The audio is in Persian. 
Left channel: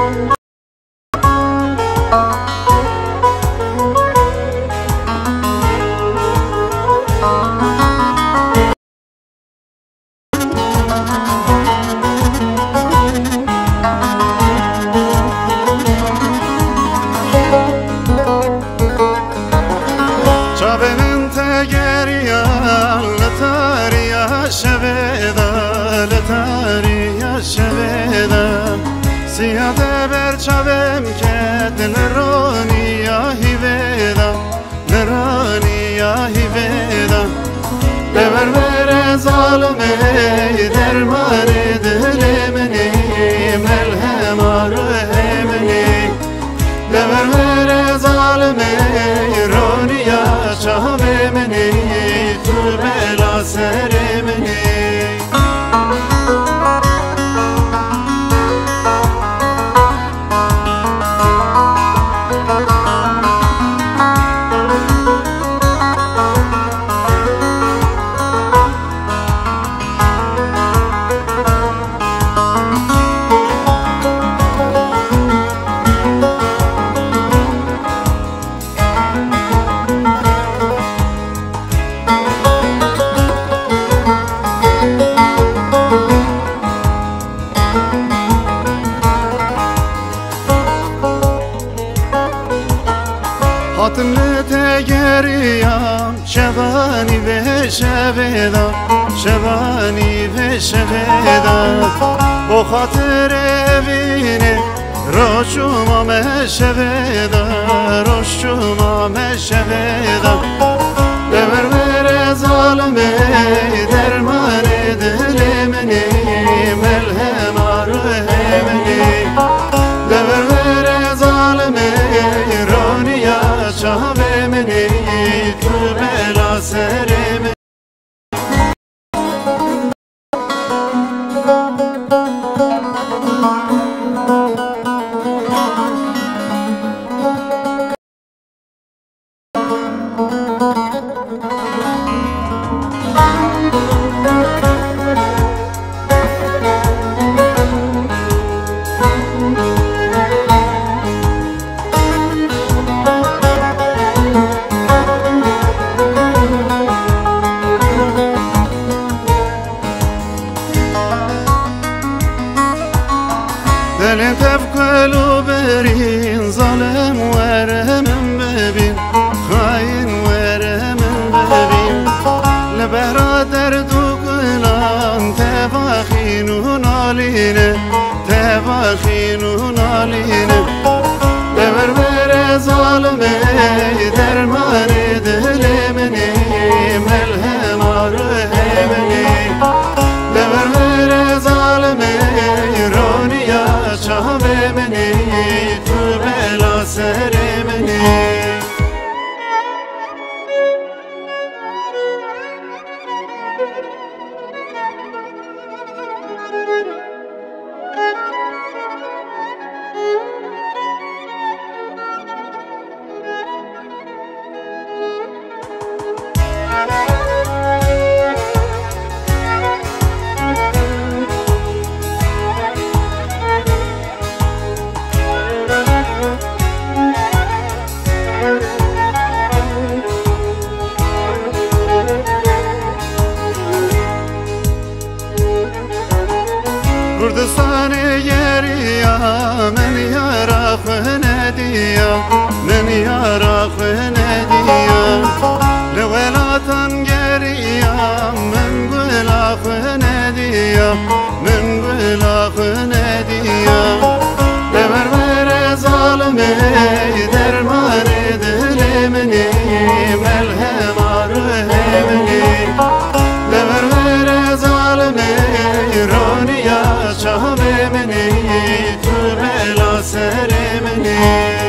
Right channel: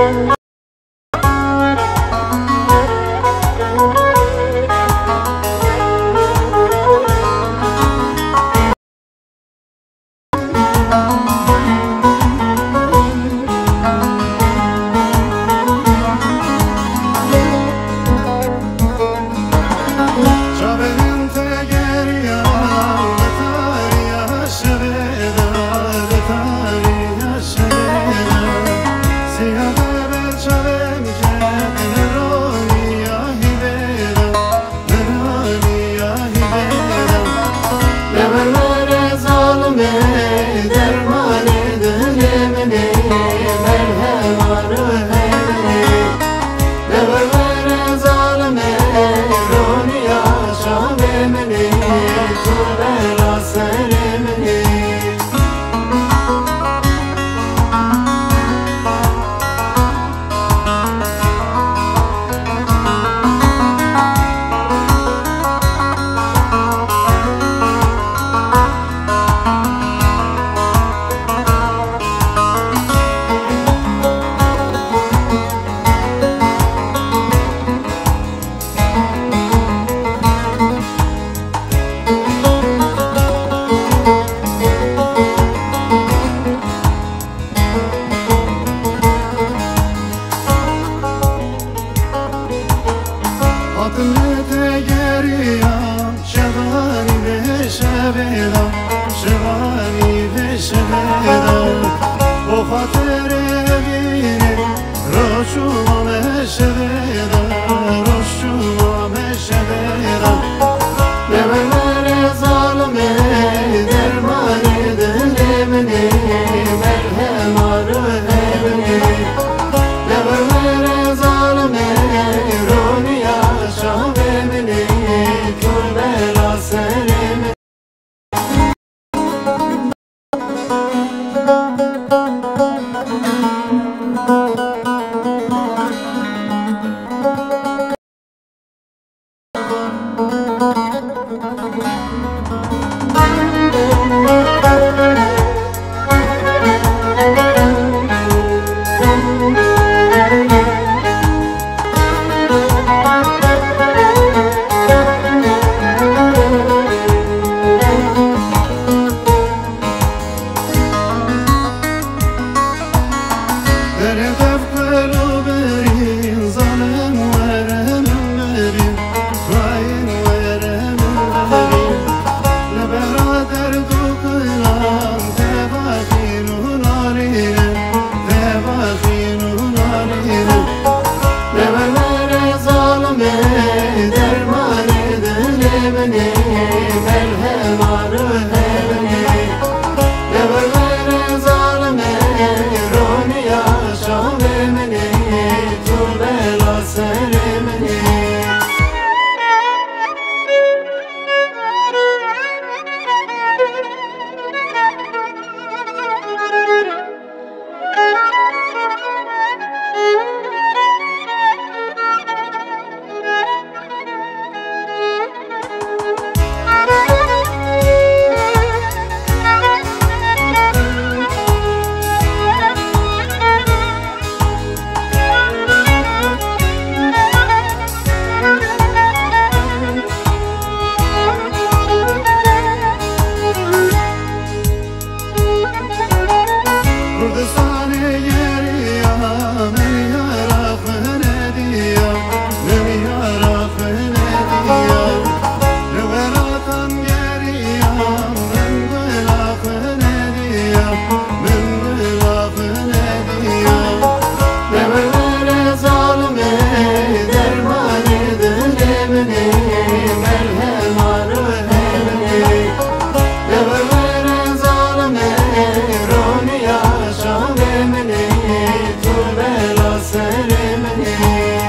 شب تگریا لتاریا شبیدا لتاریا شبیدا سیاده بر شبم که لرانیا هیویدا لرانیا هیویدا لبر بر ظالمی درمان دل منی ملهم آره منی لبر بر ظالمی شهر منی تو بلا سر منی Hatım tegeriyam şevani ve şeveda şevani ve şeveda o hatır evine roşuma meşeveda roşuma meşeveda dever vere zalimi derman edilemeni melhem arhemeni dever vere zalimi şahve meni tu bela sereme دلم تفکلو برین ظالم ورمم ببین خاین ورمم ببین لبرادر دو کلان تفاخینون آلینه تفاخینون آلینه دبر بر ظالمی درمان دل منی ملهم آره منی دبر بر ظالمی شهر منی تو بلا سر منی Kurdistan yeriya men yara khunediya men yara khunediya lewelatan geriya men gula khunediya men gula khunediya dever ver zalimi derman edilemeni melhem arhemeni dever ver zalimi şahve meni tu bela sere meni